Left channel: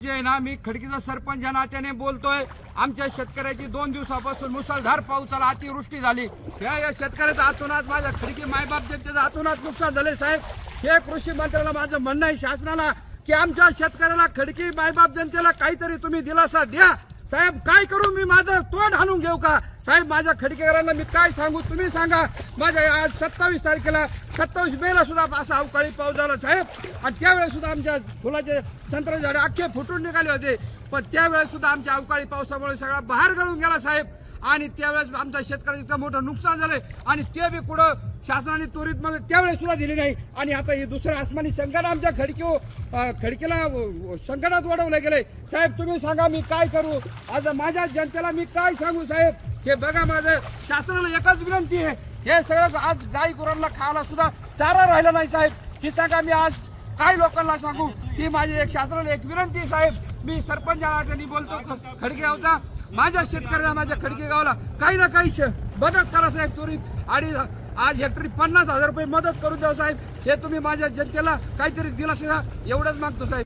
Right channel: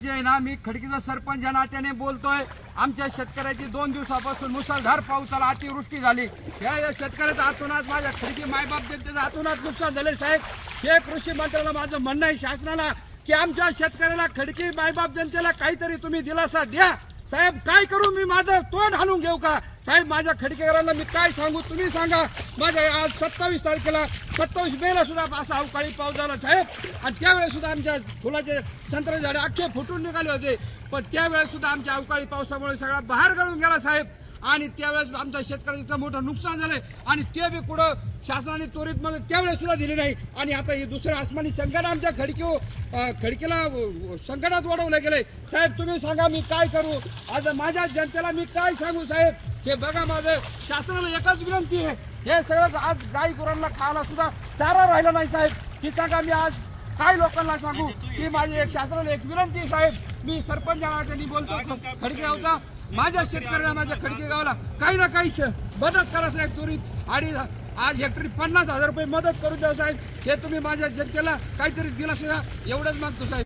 जे आहे ना, मी खडकीचा सरपंच या नात्याने बोलतोय। आमच्या शेतकऱ्याची 2 दिवसापासून मुसळधार पावसाला अतिवृष्टी झाली। या शेतकऱ्याचा आतोनात माझ्या खडकी मायबाप जनतेचा आतोनात नुकसान झाले। साहेब, हे कृषी मंत्र्याला माझं म्हणणं आहे शासनाला की आमच्या शेतकऱ्याला खडकी मायबाप जनतेला काहीतरी तुम्ही दिलासा द्या। साहेब, काय करू मी? माझं तोंड हाणून घेऊ का? साहेब, माझ्या खडकेकरांना मी काय सांगू, तुम्ही सांगा। माझ्या आज 27 तारखेला 27 मेला सुद्धा असा अवकाळी पाऊस झाला साहेब, आणि त्यावेळेस सुद्धा आमच्या फुलाचे संत्रा झाडे अख्खे फुटून निघाले होते। पण त्यावेळेस सुद्धा आमच्या अवकाळी पावसामुळे सगळा बाहेर गळून गेला साहेब, आणि त्यावेळेस आमच्या शेतकऱ्याचं इतकं मोठं नुकसान झालंय, आणि ते बी कुठं शासनाने त्वरित मला त्यावेळेस सुद्धा दिली नाही। आणि आता हे दुसरं आसमानी संकट आमच्या खडकीला संकटात वाढवलं गेलंय। साहेब, तुम्ही सांगा मी काय करू? आज माझ्या जनतेला मी काय सांगू साहेब? हे बघा, माझं शासनाला एकच विनंती आहे, हे सगळं आज गाई गुरांना खायला सुद्धा चारा राहिला नाही साहेब। ही सांगा मी आज काय लोकांना सांगू? ही माझी एक शासनाला एक विनंती आहे साहेब। मी सरपंच यांनी बोलतो खडके गावचा, माझ्या शेतकऱ्यांना माझ्या खडके गावाला काही ना काही मदत करा साहेब त्वरित। आणि आज हेक्टरी 50,000 रुपये मदत करून द्या साहेब। हे तुम्ही माझ्या जनतेला काहीतरी दिलासा एवढंच मागतो साहेब।